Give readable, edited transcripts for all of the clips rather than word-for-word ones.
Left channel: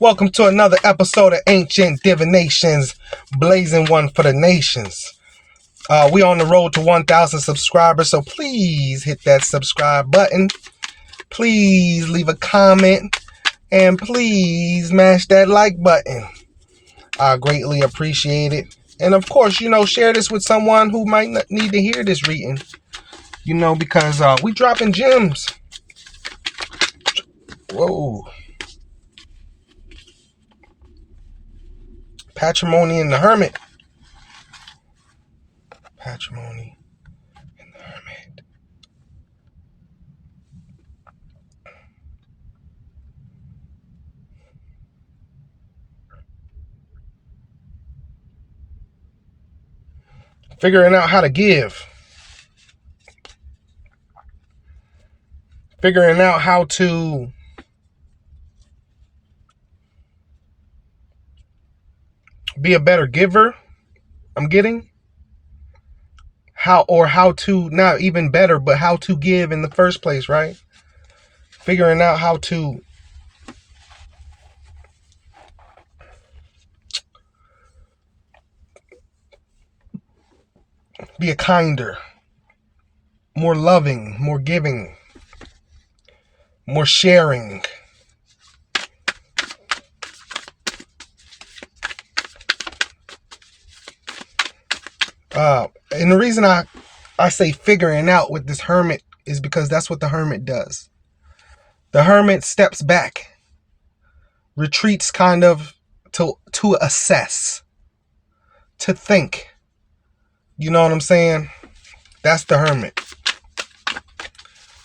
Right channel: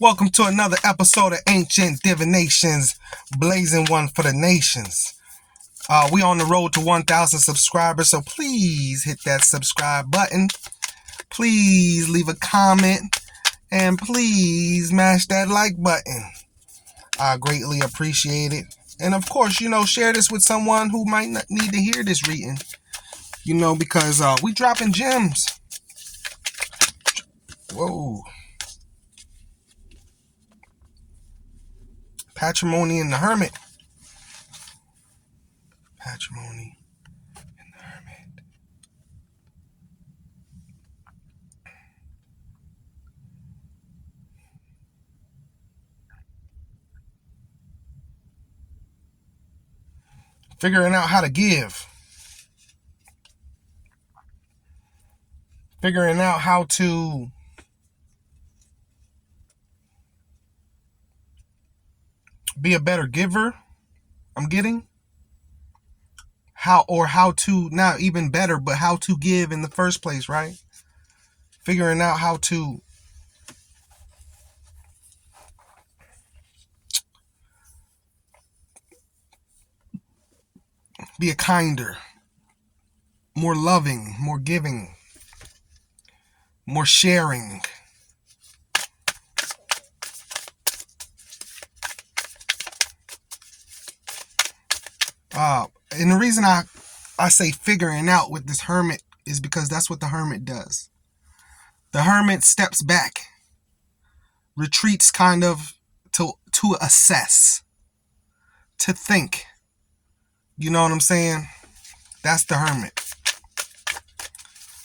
Welcome to another episode of Ancient Divinations, blazing one for the nations. We on the road to 1,000 subscribers, so please hit that subscribe button. Please leave a comment, and please mash that like button. I greatly appreciate it. And of course, share this with someone who might not need to hear this reading. Because we dropping gems. Whoa. Patrimony and the Hermit. Patrimony and the Hermit. Figuring out how to give. Figuring out how to be a better giver. I'm getting how to, not even better, but how to give in the first place, right? Figuring out how to be a kinder, more loving, more giving, more sharing. And the reason I say figuring out with this hermit is because that's what the hermit does. The hermit steps back, retreats kind of to assess, to think. You know what I'm saying? That's the hermit.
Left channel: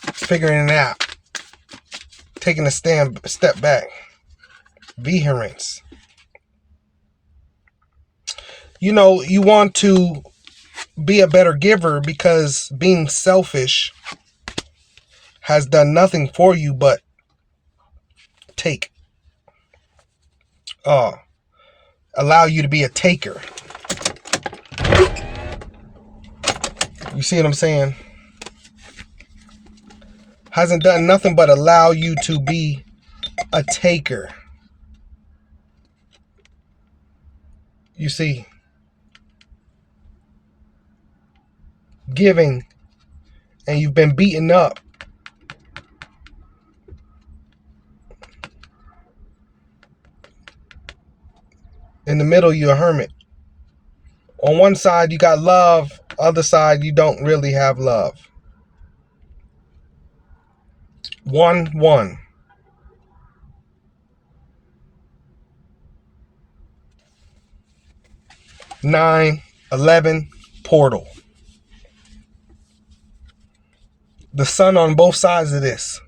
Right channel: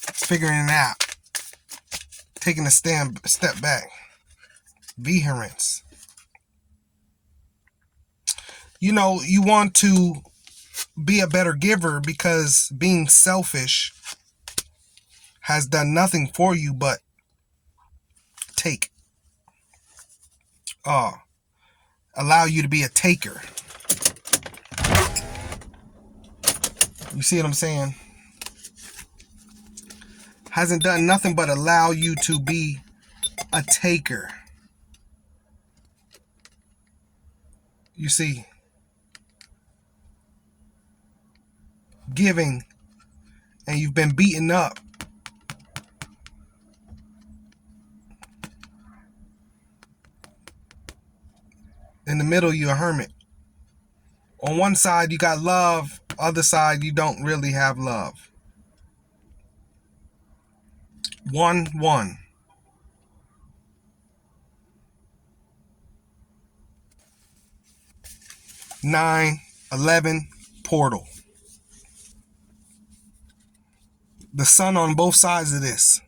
It's figuring it out. Taking a step back. Vehemence. You want to be a better giver because being selfish has done nothing for you but take. Allow you to be a taker. You see what I'm saying? Hasn't done nothing but allow you to be a taker. You see, giving and you've been beaten up. In the middle, you're a hermit. On one side, you got love. Other side, you don't really have love. 1-1. 9-11 portal. The sun on both sides of this.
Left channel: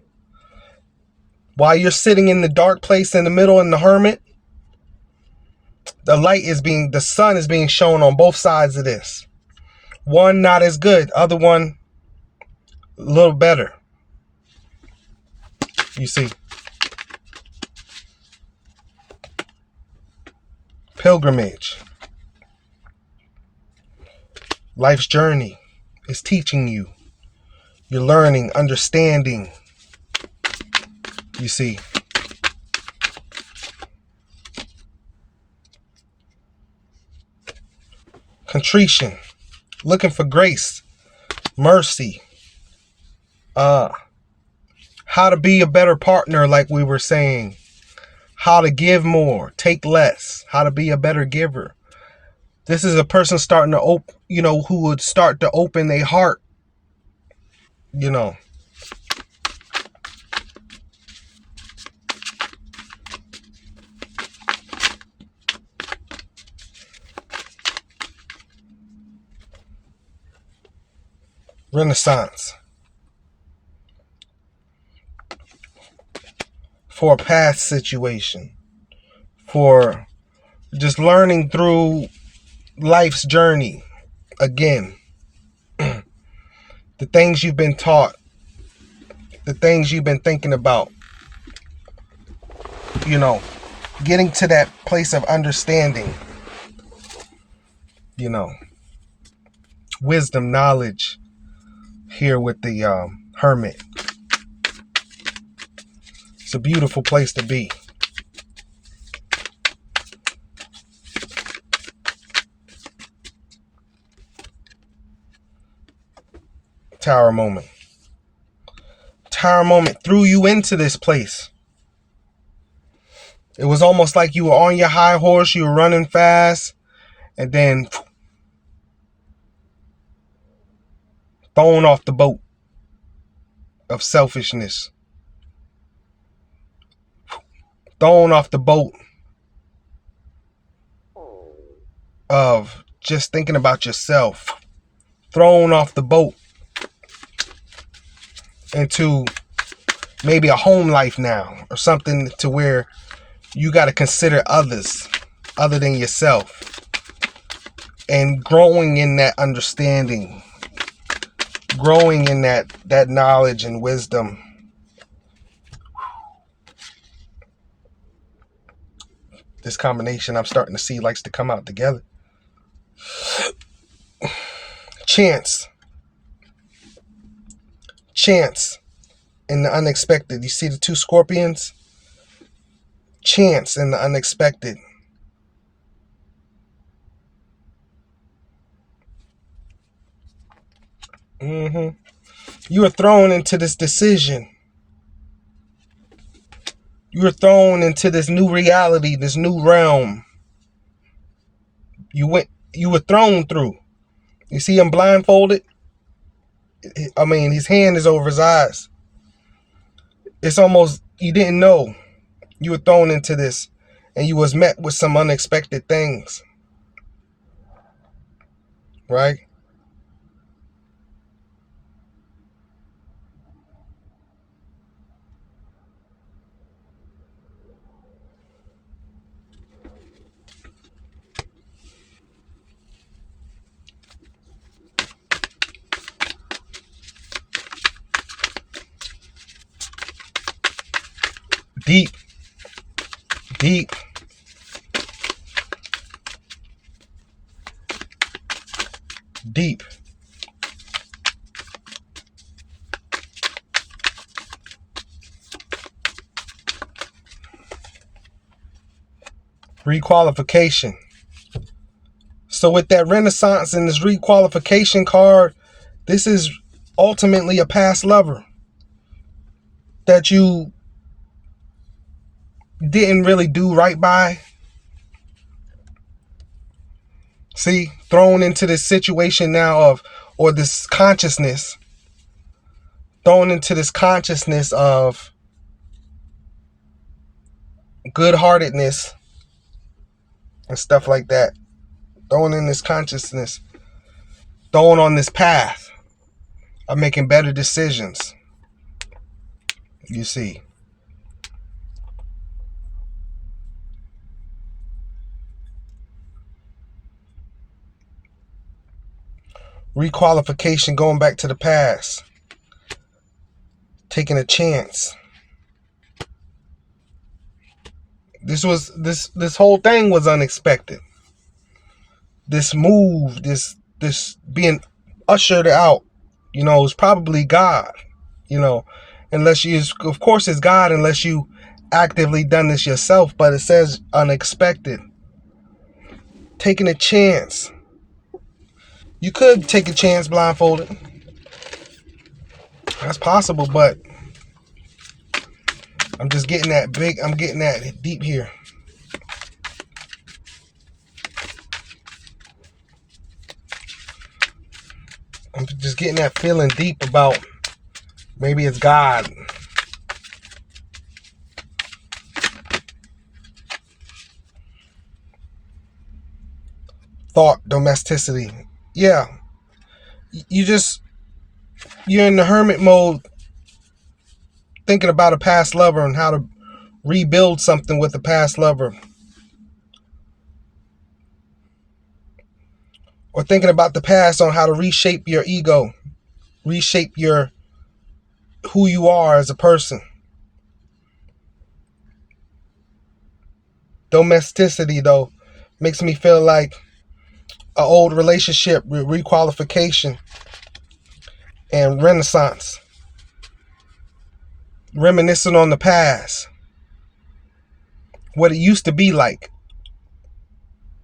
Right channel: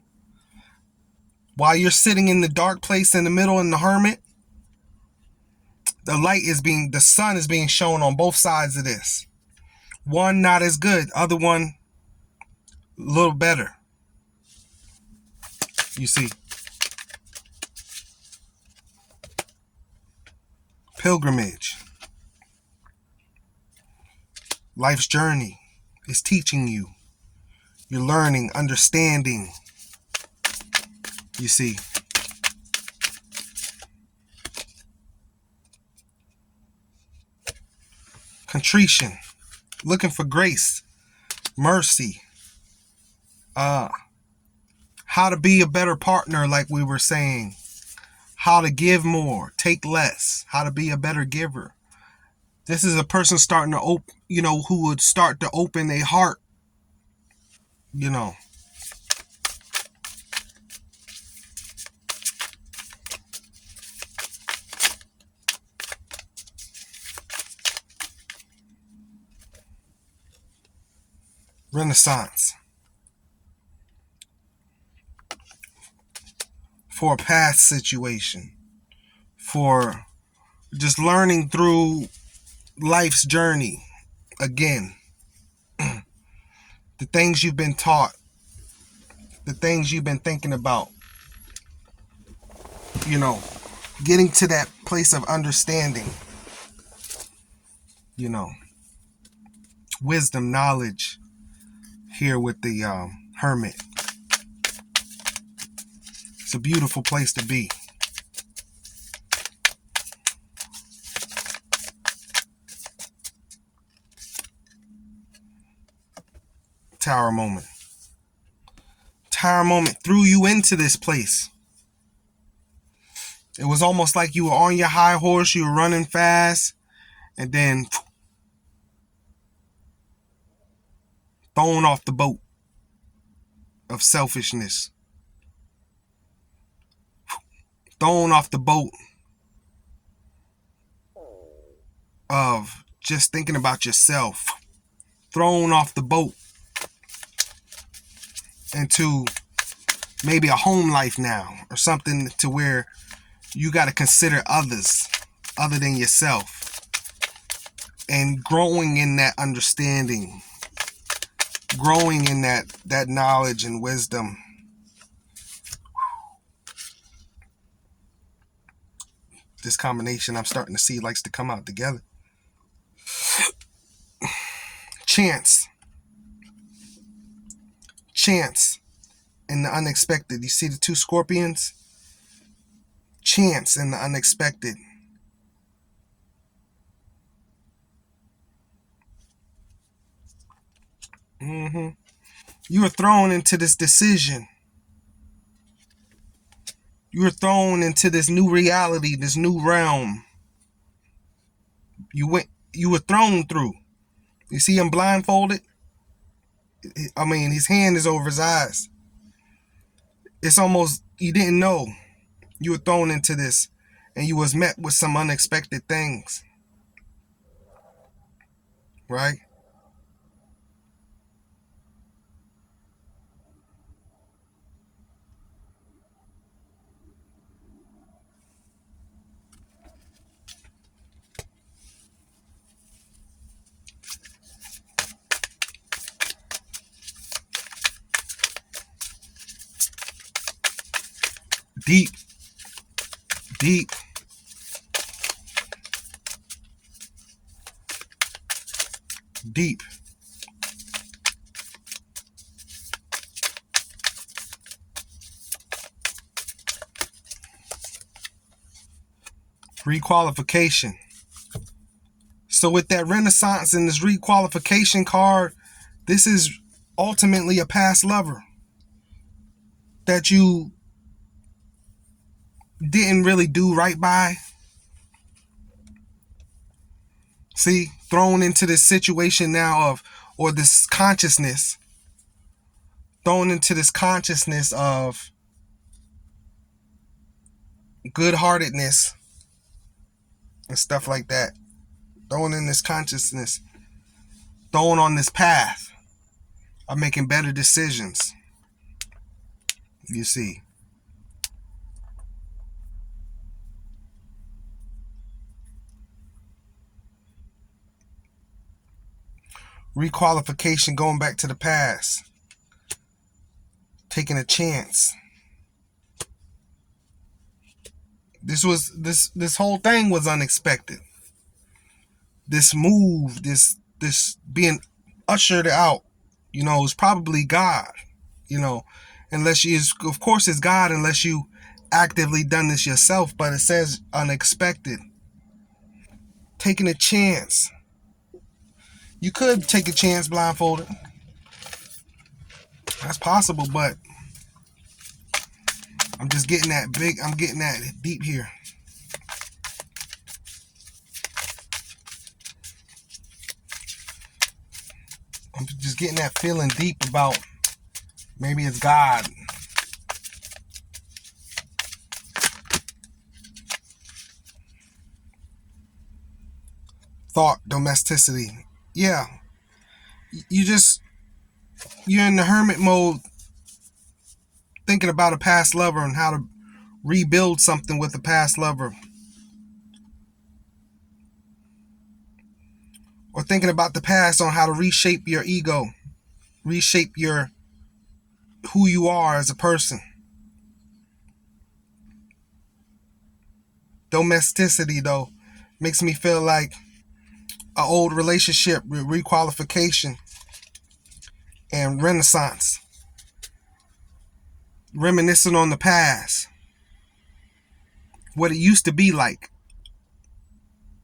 While you're sitting in the dark place in the middle in the hermit, the sun is being shown on both sides of this. One not as good, other one a little better. You see. Pilgrimage. Life's journey is teaching you. You're learning, understanding. You see. Contrition. Looking for grace. Mercy. How to be a better partner, like we were saying. How to give more, take less. How to be a better giver. This is a person starting to who would start to open their heart. Renaissance. For a past situation. For just learning through life's journey. Again. The things you've been taught. The things you've been thinking about. Getting to that place of understanding. Wisdom, knowledge. Here with the hermit. It's a beautiful place to be. Tower moment. Tower moment threw you into this place. It was almost like you were on your high horse, you were running fast, and then thrown off the boat of selfishness. Thrown off the boat of just thinking about yourself. Thrown off the boat into maybe a home life now, or something to where you got to consider others other than yourself, and growing in that understanding, growing in that knowledge and wisdom. This combination I'm starting to see likes to come out together. Chance in the unexpected. You see the two scorpions? Chance in the unexpected. You were thrown into this decision. You were thrown into this new reality, this new realm. You were thrown through. You see him blindfolded? I mean, his hand is over his eyes. It's almost, you didn't know. You were thrown into this, and you was met with some unexpected things. Right? Deep. Requalification. So with that Renaissance and this requalification card, this is ultimately a past lover that you didn't really do right by. See, thrown into this situation now of, or this consciousness, thrown into this consciousness of good-heartedness and stuff like that. Thrown in this consciousness, thrown on this path of making better decisions. You see. Requalification, going back to the past. Taking a chance. This whole thing was unexpected. This move, this being ushered out, is probably God, unless you, of course it's God unless you actively done this yourself, but it says unexpected. Taking a chance. You could take a chance blindfolded. That's possible, but I'm just getting that big, I'm getting that deep here. I'm just getting that feeling deep about maybe it's God. Thought domesticity. Yeah. You're in the hermit mode, thinking about a past lover and how to rebuild something with a past lover. Or thinking about the past on how to reshape your ego, reshape who you are as a person. Domesticity, though, makes me feel like an old relationship with requalification and Renaissance. Reminiscing on the past. What it used to be like.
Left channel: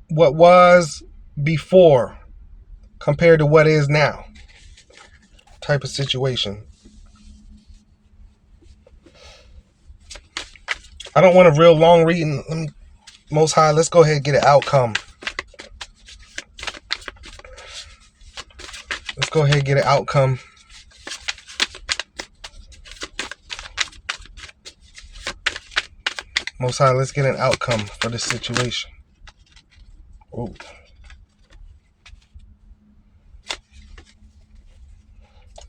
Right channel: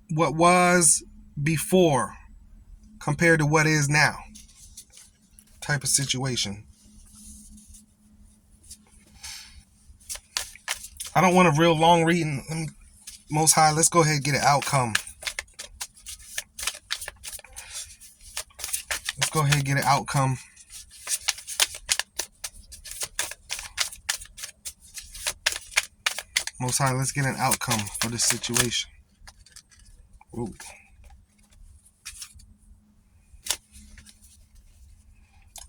What was before compared to what is now. type of situation. I don't want a real long reading. Let me, Most High, let's go ahead and get an outcome. Let's go ahead and get an outcome. Most High, let's get an outcome for this situation. Ooh.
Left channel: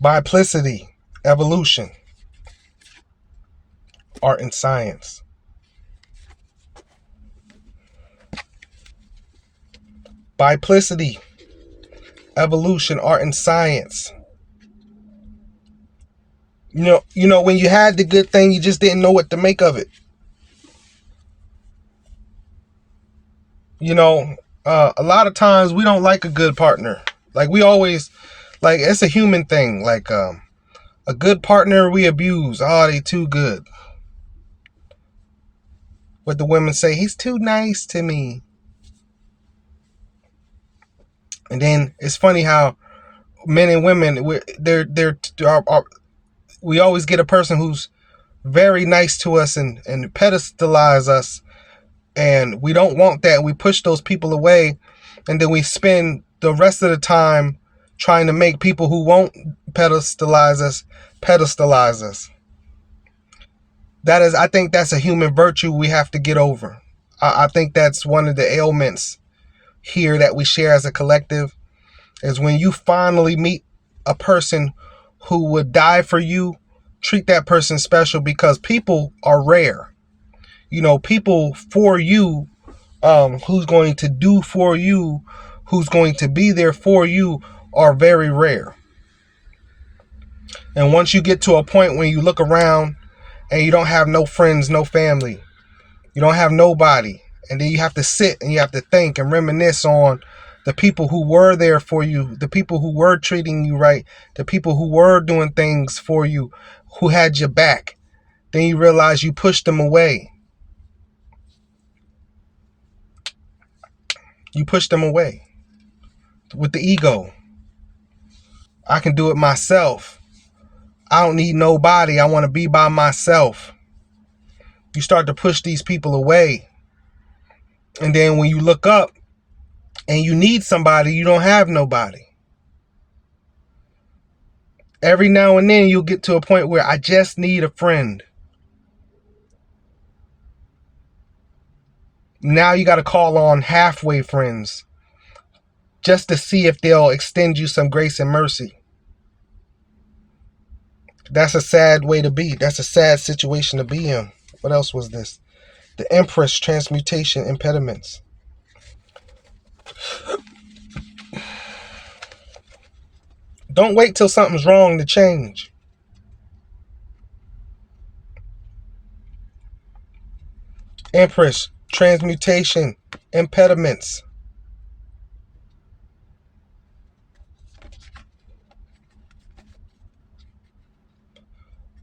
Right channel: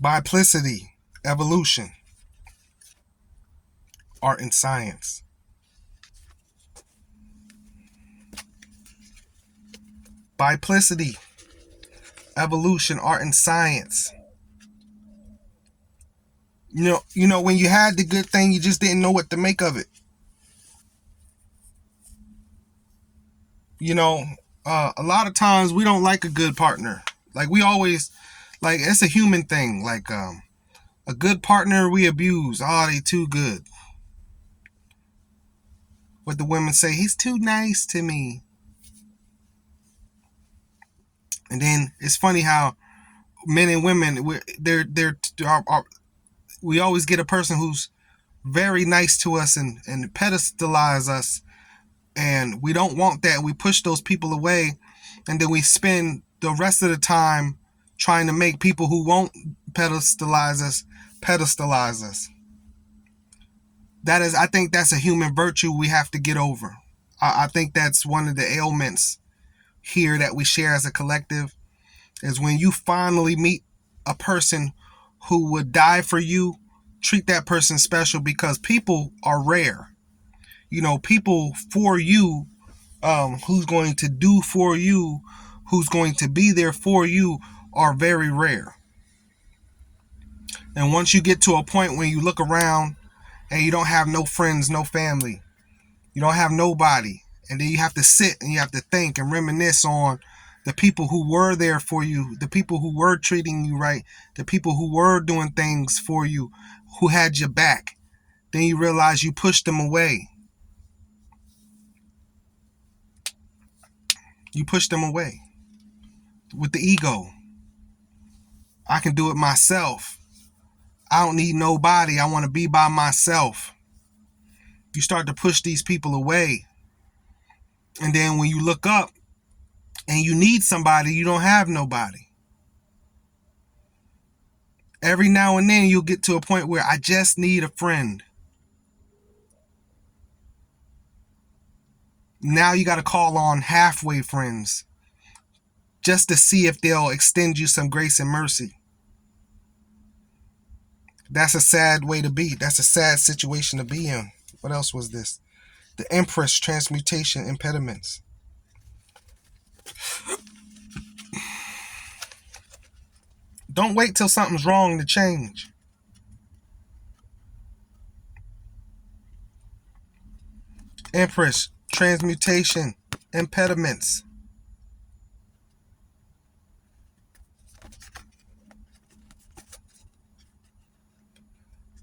Biplicity, evolution, art and science. Biplicity, evolution, art and science. You know, when you had the good thing, you just didn't know what to make of it. You know, a lot of times we don't like a good partner. Like we always, like it's a human thing. Like a good partner we abuse. Oh, they too good. What the women say, he's too nice to me. And then it's funny how men and women, we always get a person who's very nice to us and pedestalize us, and we don't want that. We push those people away, and then we spend the rest of the time trying to make people who won't pedestalize us. I think that's a human virtue we have to get over. I think that's one of the ailments here that we share as a collective, is when you finally meet a person who would die for you, treat that person special, because people are rare. You know, people for you, who's going to do for you, who's going to be there for you, are very rare. And once you get to a point when you look around and you don't have no friends, no family, you don't have nobody, and then you have to sit and you have to think and reminisce on the people who were there for you, the people who were treating you right, the people who were doing things for you, who had your back. Then you realize you pushed them away. You pushed them away with the ego. I can do it myself. I don't need nobody. I want to be by myself. You start to push these people away. And then when you look up and you need somebody, you don't have nobody. Every now and then you'll get to a point where I just need a friend. Now you got to call on halfway friends just to see if they'll extend you some grace and mercy. That's a sad way to be. That's a sad situation to be in. What else was this? The Empress, transmutation, impediments. Don't wait till something's wrong to change. Empress, transmutation, impediments.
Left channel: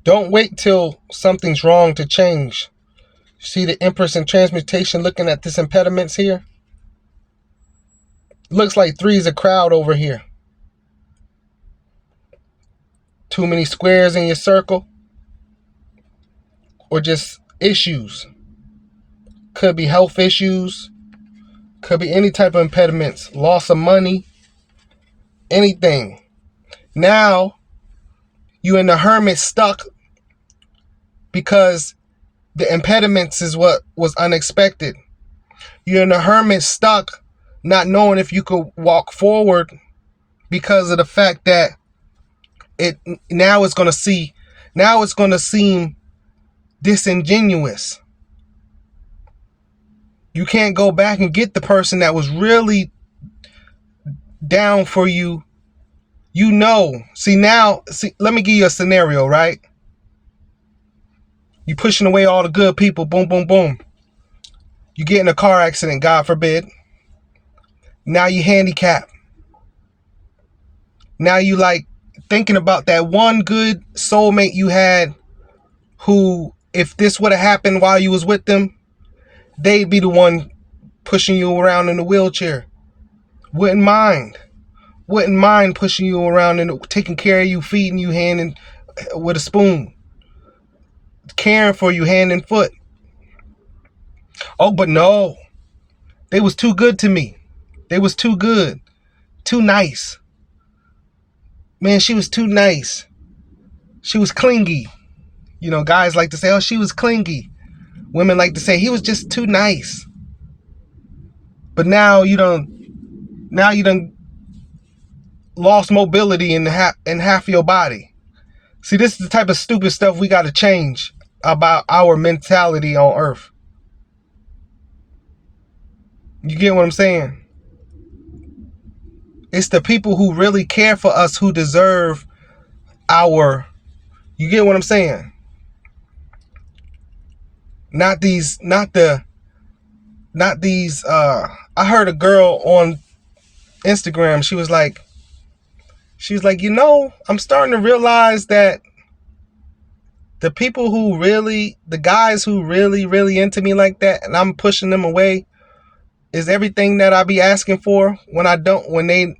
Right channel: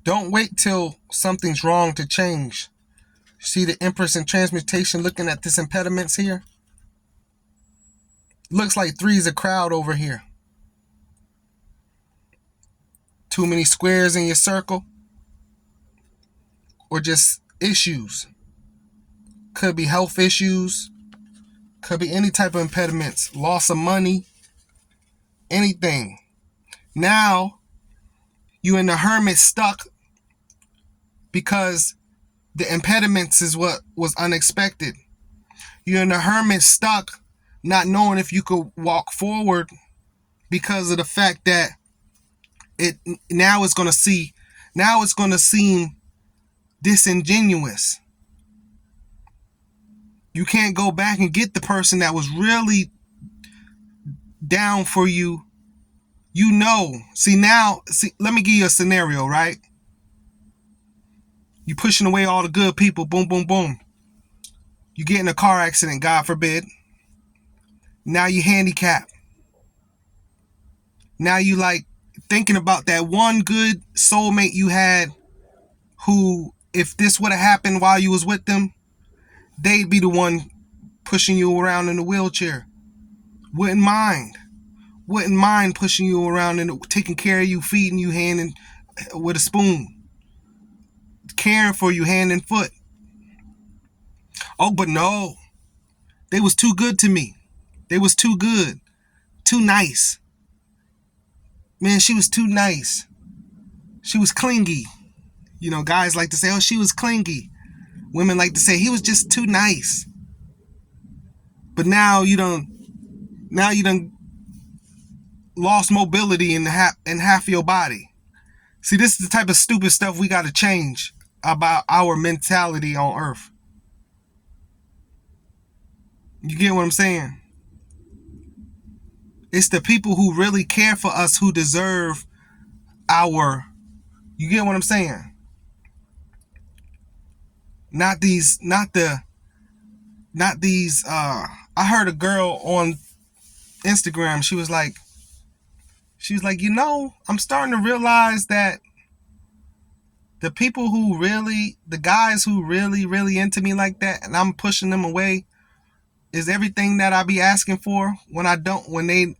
Don't wait till something's wrong to change. See the Empress and transmutation looking at this impediments here? Looks like 3 is a crowd over here. Too many squares in your circle? Or just issues? Could be health issues. Could be any type of impediments. Loss of money. Anything. Now, you in the Hermit stuck because the impediments is what was unexpected. You're in the Hermit stuck not knowing if you could walk forward because of the fact that now it's going to seem disingenuous. You can't go back and get the person that was really down for you. You know. See, let me give you a scenario, right? You pushing away all the good people. Boom, boom, boom. You get in a car accident, God forbid. Now you handicapped. Now you like thinking about that one good soulmate you had who, if this would have happened while you was with them, they'd be the one pushing you around in the wheelchair. Wouldn't mind. wouldn't mind pushing you around and taking care of you, feeding you hand and with a spoon, caring for you hand and foot. Oh, but no, they was too good to me. They was too good, too nice. Man, she was too nice. She was clingy. You know, guys like to say, oh, she was clingy. Women like to say he was just too nice. But now you done lost mobility in half your body. See, this is the type of stupid stuff we got to change about our mentality on earth. You get what I'm saying? It's the people who really care for us who deserve you get what I'm saying? Not these, I heard a girl on Instagram, she was like, I'm starting to realize that the guys who really into me like that, and I'm pushing them away, is everything that I be asking for when they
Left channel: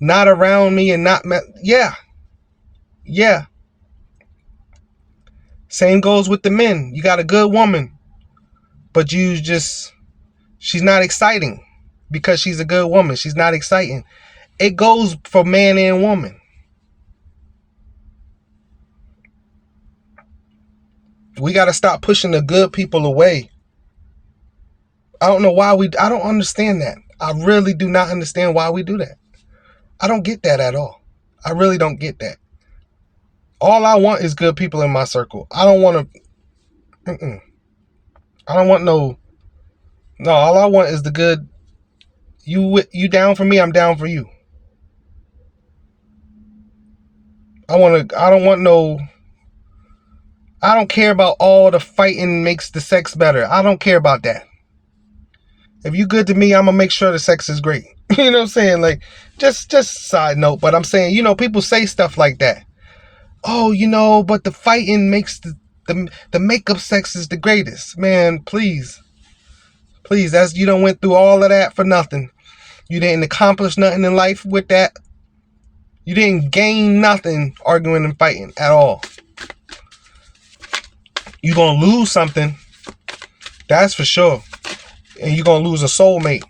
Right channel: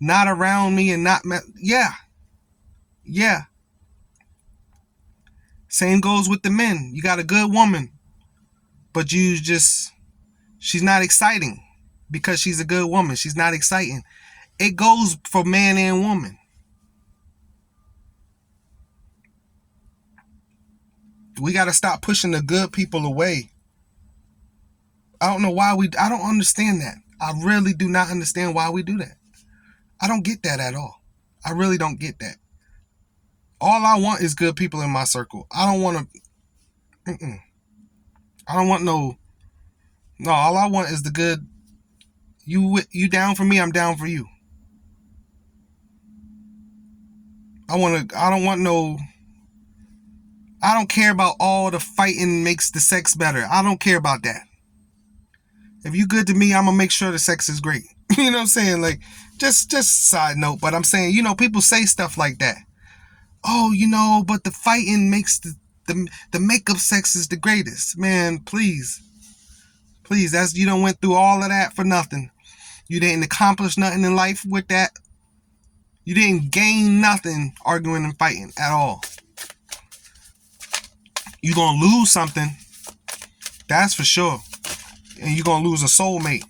not around me and yeah. Same goes with the men. You got a good woman, but she's not exciting because she's a good woman. She's not exciting. It goes for man and woman. We got to stop pushing the good people away. I don't know why I don't understand that. I really do not understand why we do that. I don't get that at all. I really don't get that. All I want is good people in my circle. I don't want to, I don't want no, all I want is the good. You down for me, I'm down for you. I don't care about all the fighting makes the sex better. I don't care about that. If you good to me, I'm going to make sure the sex is great. You know what I'm saying? Like, just side note, but I'm saying, people say stuff like that. Oh, but the fighting makes the makeup sex is the greatest. Man, please, you done went through all of that for nothing. You didn't accomplish nothing in life with that. You didn't gain nothing arguing and fighting at all. You're going to lose something. That's for sure. And you're going to lose a soulmate.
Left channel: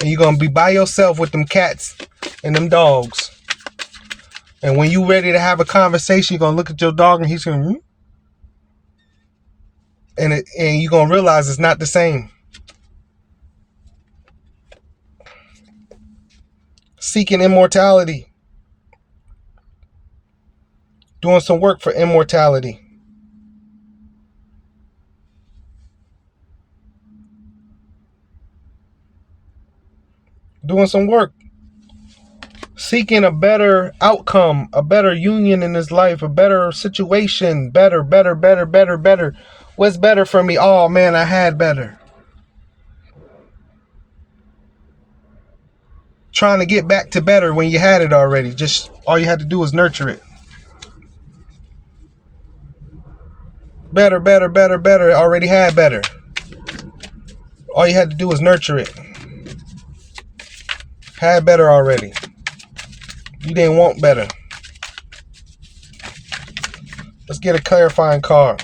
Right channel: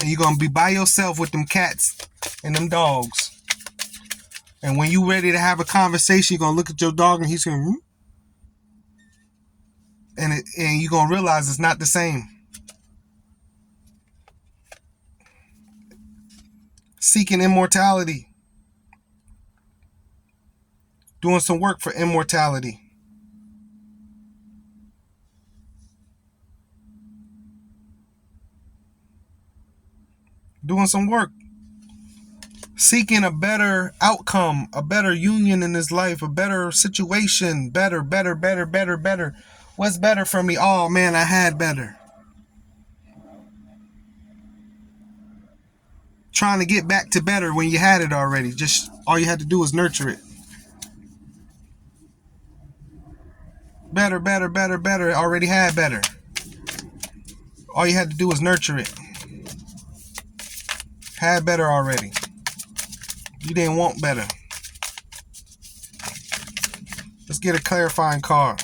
And you're going to be by yourself with them cats and them dogs. And when you're ready to have a conversation, you're going to look at your dog and he's going to... And you're going to realize it's not the same. Seeking immortality. Doing some work for immortality. Doing some work. Seeking a better outcome, a better union in his life, a better situation, better. What's better for me? Oh man, I had better. Trying to get back to better when you had it already. Just all you had to do was nurture it. Better. Already had better. All you had to do was nurture it. Had better already. You didn't want better. Let's get a clarifying card.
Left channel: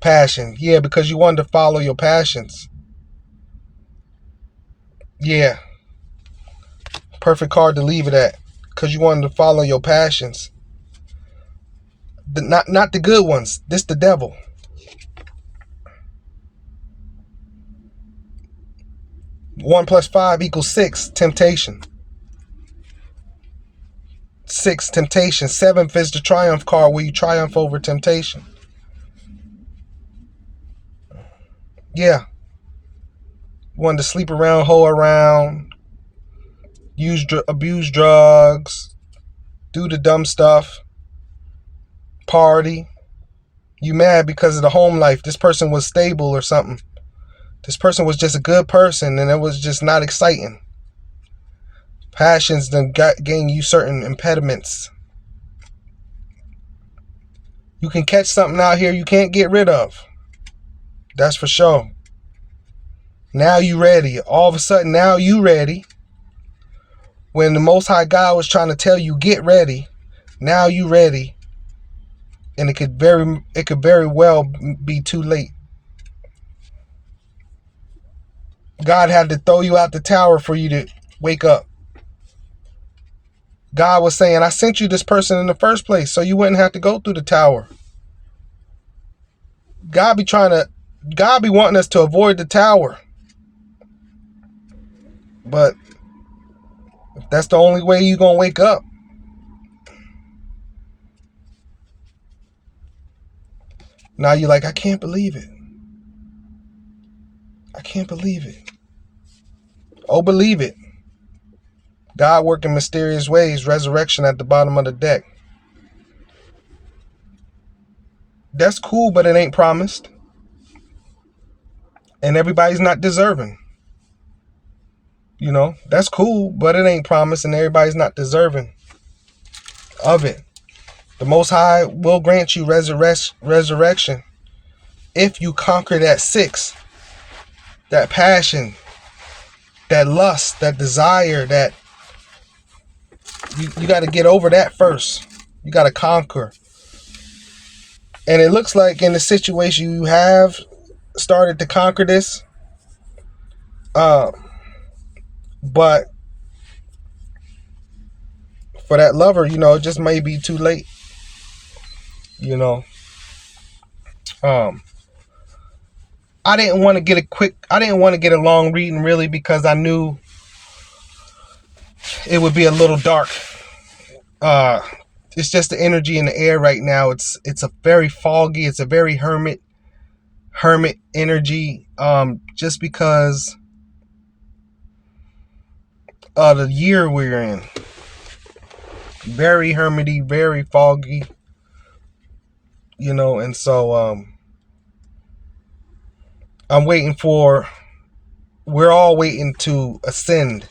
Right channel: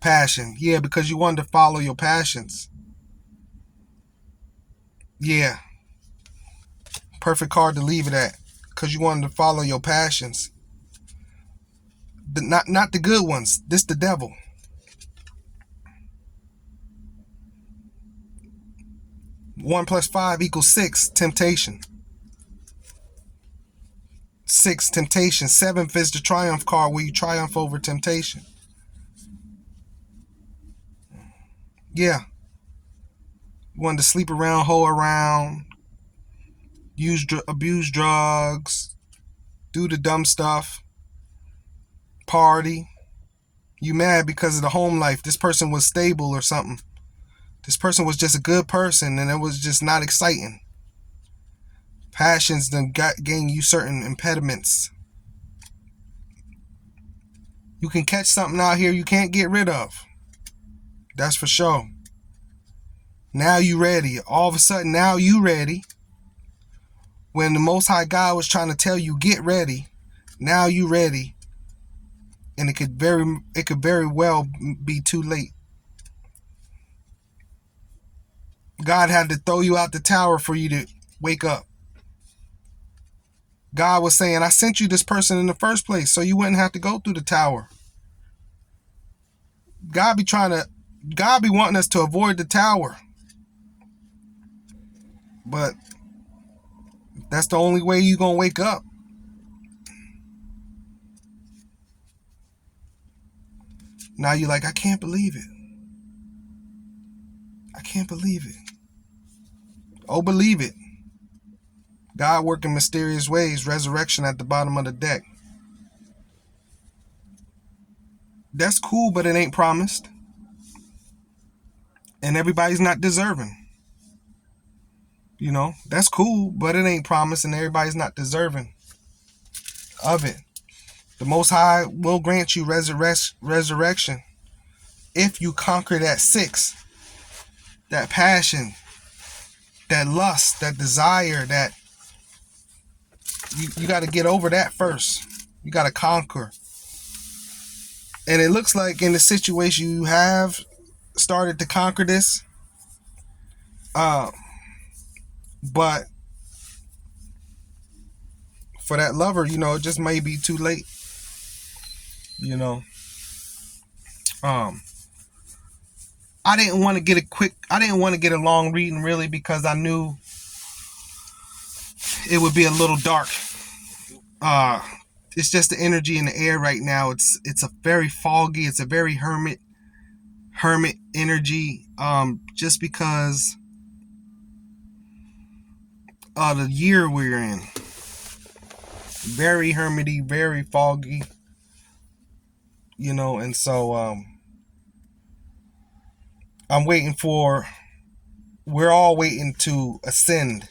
Passion. Yeah, because you wanted to follow your passions. Yeah. Perfect card to leave it at. Because you wanted to follow your passions. Not the good ones. This the devil. One plus 5 equals 6. Temptation. 6. Temptation. 7th is the triumph card where you triumph over temptation. Yeah. You wanted to sleep around, hoe around, abuse drugs, do the dumb stuff, party. You mad because of the home life. This person was stable or something. This person was just a good person and it was just not exciting. Passions then gain you certain impediments. You can catch something out here you can't get rid of. That's for sure. Now you ready. All of a sudden, now you ready. When the Most High God was trying to tell you, get ready. Now you ready. And it could very well be too late. God had to throw you out the tower for you to wake up. God was saying, I sent you this person in the first place so you wouldn't have to go through the tower. God be wanting us to avoid the tower. But if that's the only way you're going to wake up, now you're like, I can't believe it. I can't believe it. Oh, believe it. God working mysterious ways, resurrection at the bottom of the deck. That's cool, but it ain't promised. And everybody's not deserving. You know, that's cool, but it ain't promised and everybody's not deserving of it. The Most High will grant you resurrection if you conquer that 6, that passion, that lust, that desire, that you got to get over that first. You got to conquer. And it looks like in the situation you have started to conquer this. But for that lover, you know, it just may be too late. You know. I didn't want to get a long reading really because I knew it would be a little dark. It's just the energy in the air right now. It's a very foggy, it's a very hermit energy. Just because of the year we're in. Very hermity, very foggy. You know, and so we're all waiting to ascend.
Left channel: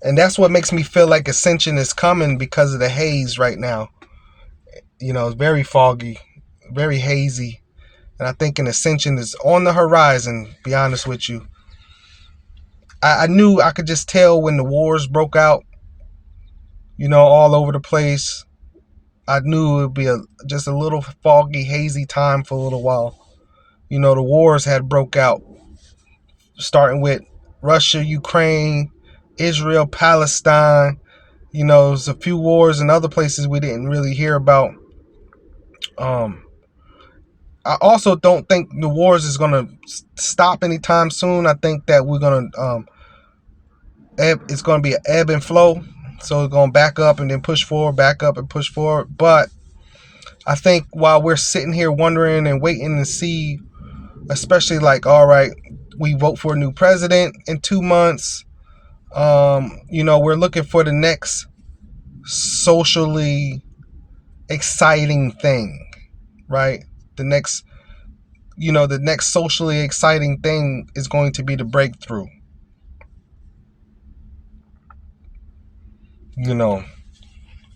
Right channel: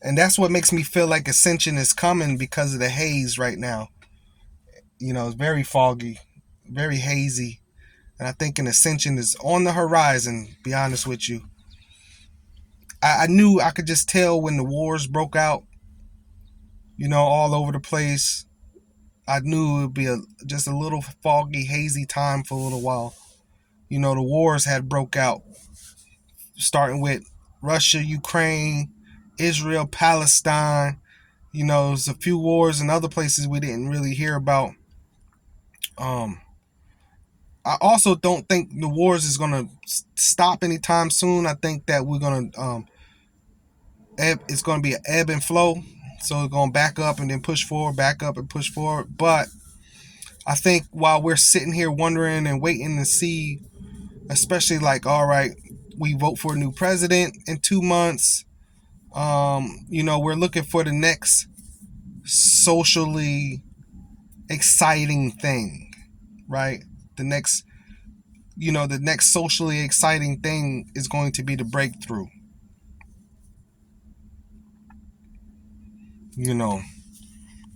And that's what makes me feel like ascension is coming because of the haze right now. You know, it's very foggy, very hazy. And I think an ascension is on the horizon, be honest with you. I knew, I could just tell when the wars broke out, you know, all over the place. I knew it would be just a little foggy, hazy time for a little while. You know, the wars had broke out, starting with Russia, Ukraine, Israel, Palestine. You know, there's a few wars in other places we didn't really hear about. I also don't think the wars is going to stop anytime soon. I think that we're going to, it's going to be an ebb and flow. So it's going to back up and then push forward, back up and push forward. But I think while we're sitting here wondering and waiting to see, especially like, all right, we vote for a new president in 2 months. You know, we're looking for the next socially exciting thing, right? The next socially exciting thing is going to be the breakthrough. You know,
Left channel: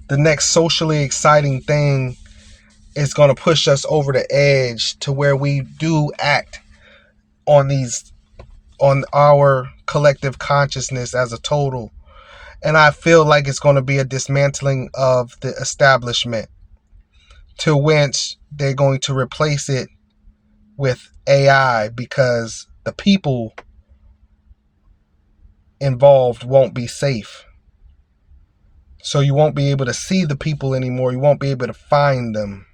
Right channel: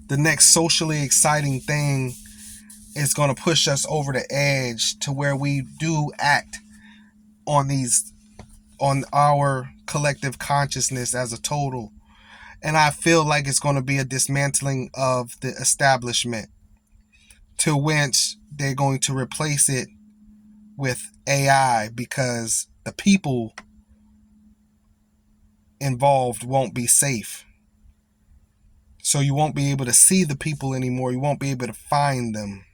the next socially exciting thing is going to push us over the edge to where we do act on our collective consciousness as a total. And I feel like it's going to be a dismantling of the establishment, to which they're going to replace it with AI, because the people involved won't be safe. So you won't be able to see the people anymore. You won't be able to find them.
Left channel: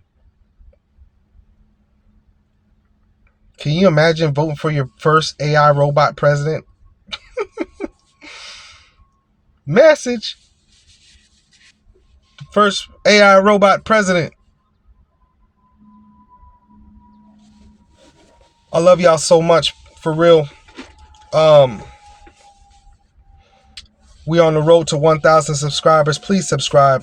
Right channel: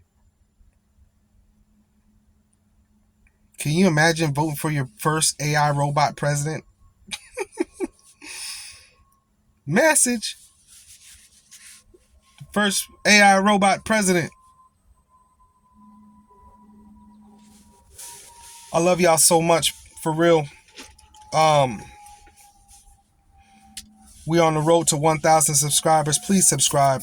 Can you imagine voting for your first AI robot president? Message. First AI robot president. I love y'all so much, for real. We on the road to 1,000 subscribers. Please subscribe.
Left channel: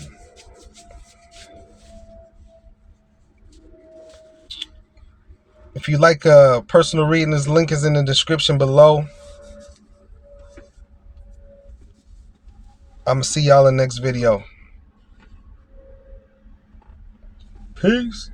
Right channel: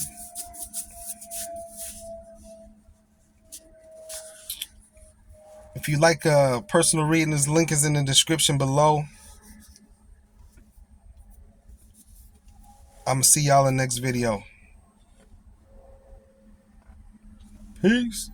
If you like a personal reading, this link is in the description below. I'm going to see y'all in the next video. Peace.